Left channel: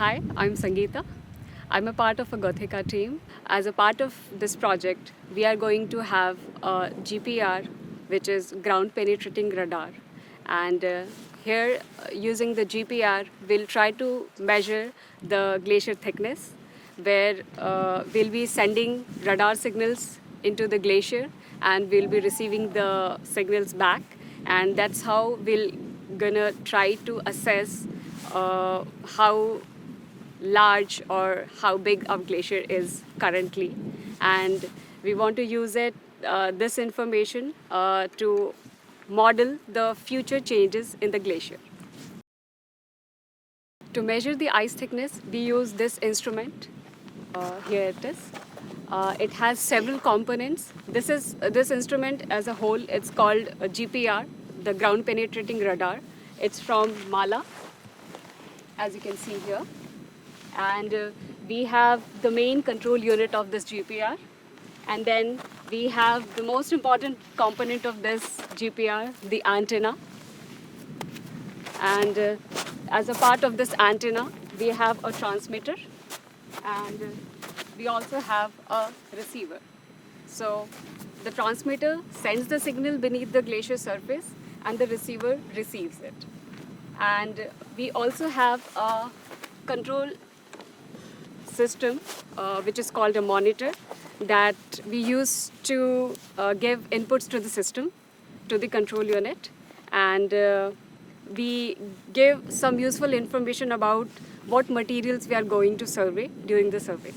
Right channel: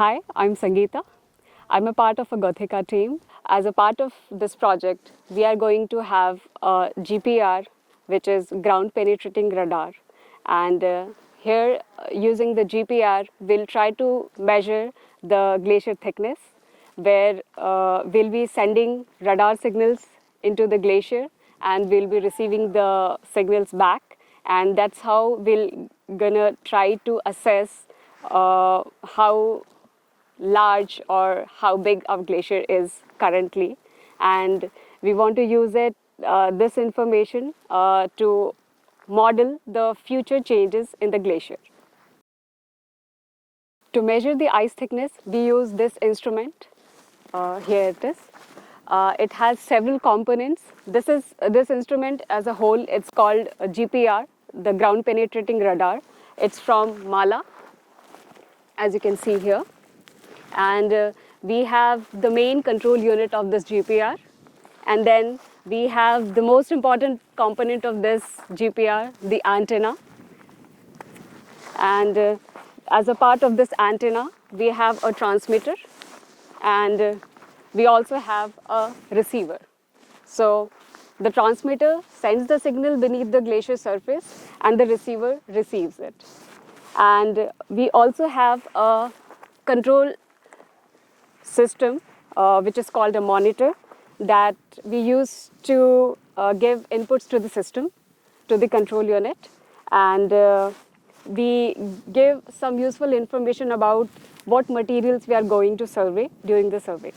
Hi, I'm Sangeeta. I'm a part of a GOTHECA team. As a part of this project, we are going to have a GPR, which is ground penetrating radar. And here, using the GPR, we'll try to measure the glacier thickness, where we'll be sending radar signals into the glacier and we'll be receiving the signals back. And that's how we're gonna try to assess how large or how big our glacier is currently, and we want to use this information to model the future changes in the glacier. To measure the ice thickness, we use this instrument. Here it is. It has several components. This instrument as a whole, it's called a GPR, the ground penetrating radar. It's from Mala, as you can see here. And we have the main control unit of this GPR. And then we have the most important component of this GPR, the antenna. And as a part of this antenna, we have a transmitter, and we also have a receiver. So the transmitter sends the signal beneath the glacier surface, and the receiver receives it. And we also have a control system, which is called a monitor, that we use to give inputs to the system, to the control unit. And we give some useful information about what materials we are going to survey during the survey.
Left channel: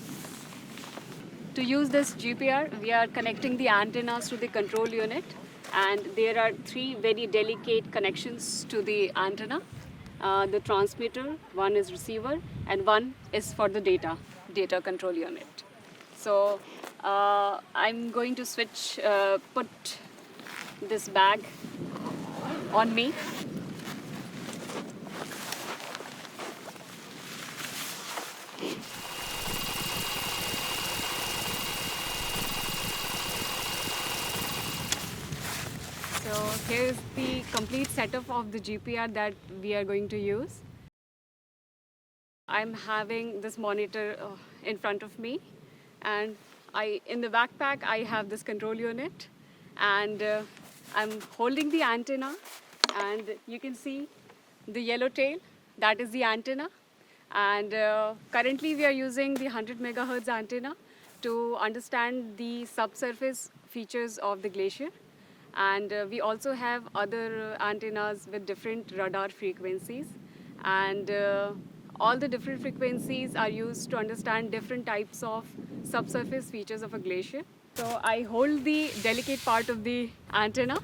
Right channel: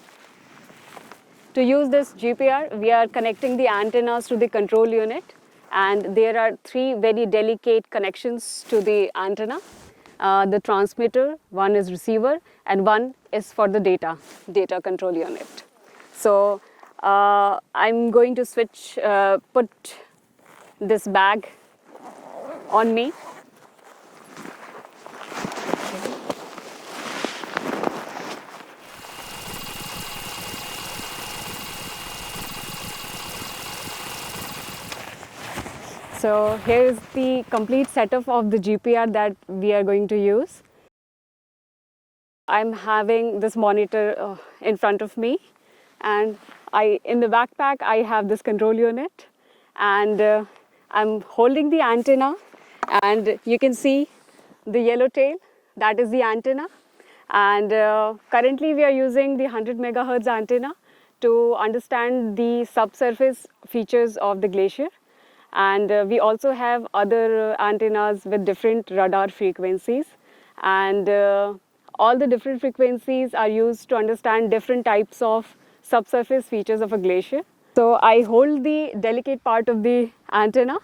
To use this GPR, we are connecting the antennas to the control unit, and there are three very delicate connections to the antenna. The transmitter, one is receiver, and one is for the data control unit. So I'm going to put this bag on me. So here is the complete setup of the GPR that we are going to use. I'm having this monitor in front of me, and in the backpack I have this control unit, and I'm holding the antenna, and you can see the yellow tail, that is the antenna. And currently we are using the 100 megahertz antenna to understand the subsurface features of the glacier. And we also have other antennas with different radar frequencies, and all the different frequencies are used to understand different types of subsurface features of a glacier. So I hold the delicate part of the antenna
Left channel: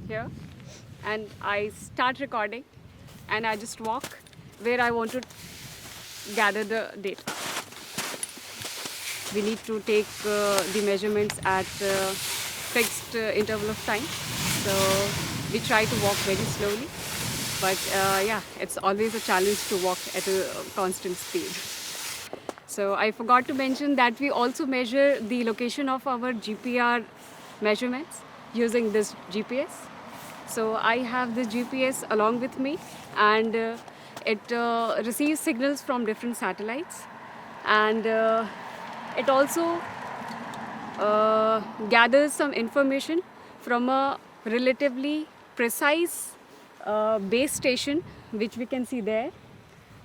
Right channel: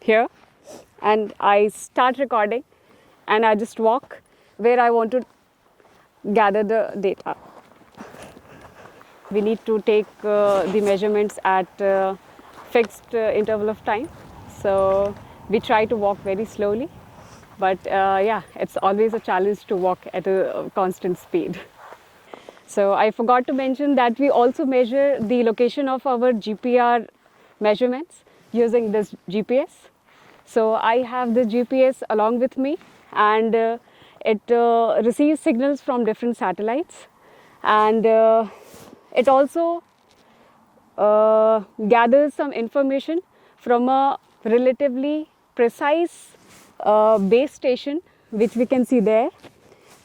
here, and I start recording, and I just walk where I want to gather the data. We need to take the measurements at fixed interval of time. So we try to walk very slowly, but yeah, it's always a challenge to walk at a constant speed. So I forgot to mention that we also measure the location of our GPR measurements using this GPS. So I have the GPS along with me, and it receives signals from different satellites, and it also gathers some information from a relatively precise base station, which we can see there.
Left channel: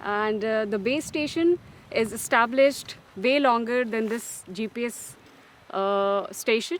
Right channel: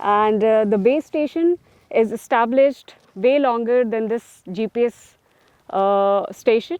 And the base station is established way longer than this GPS station.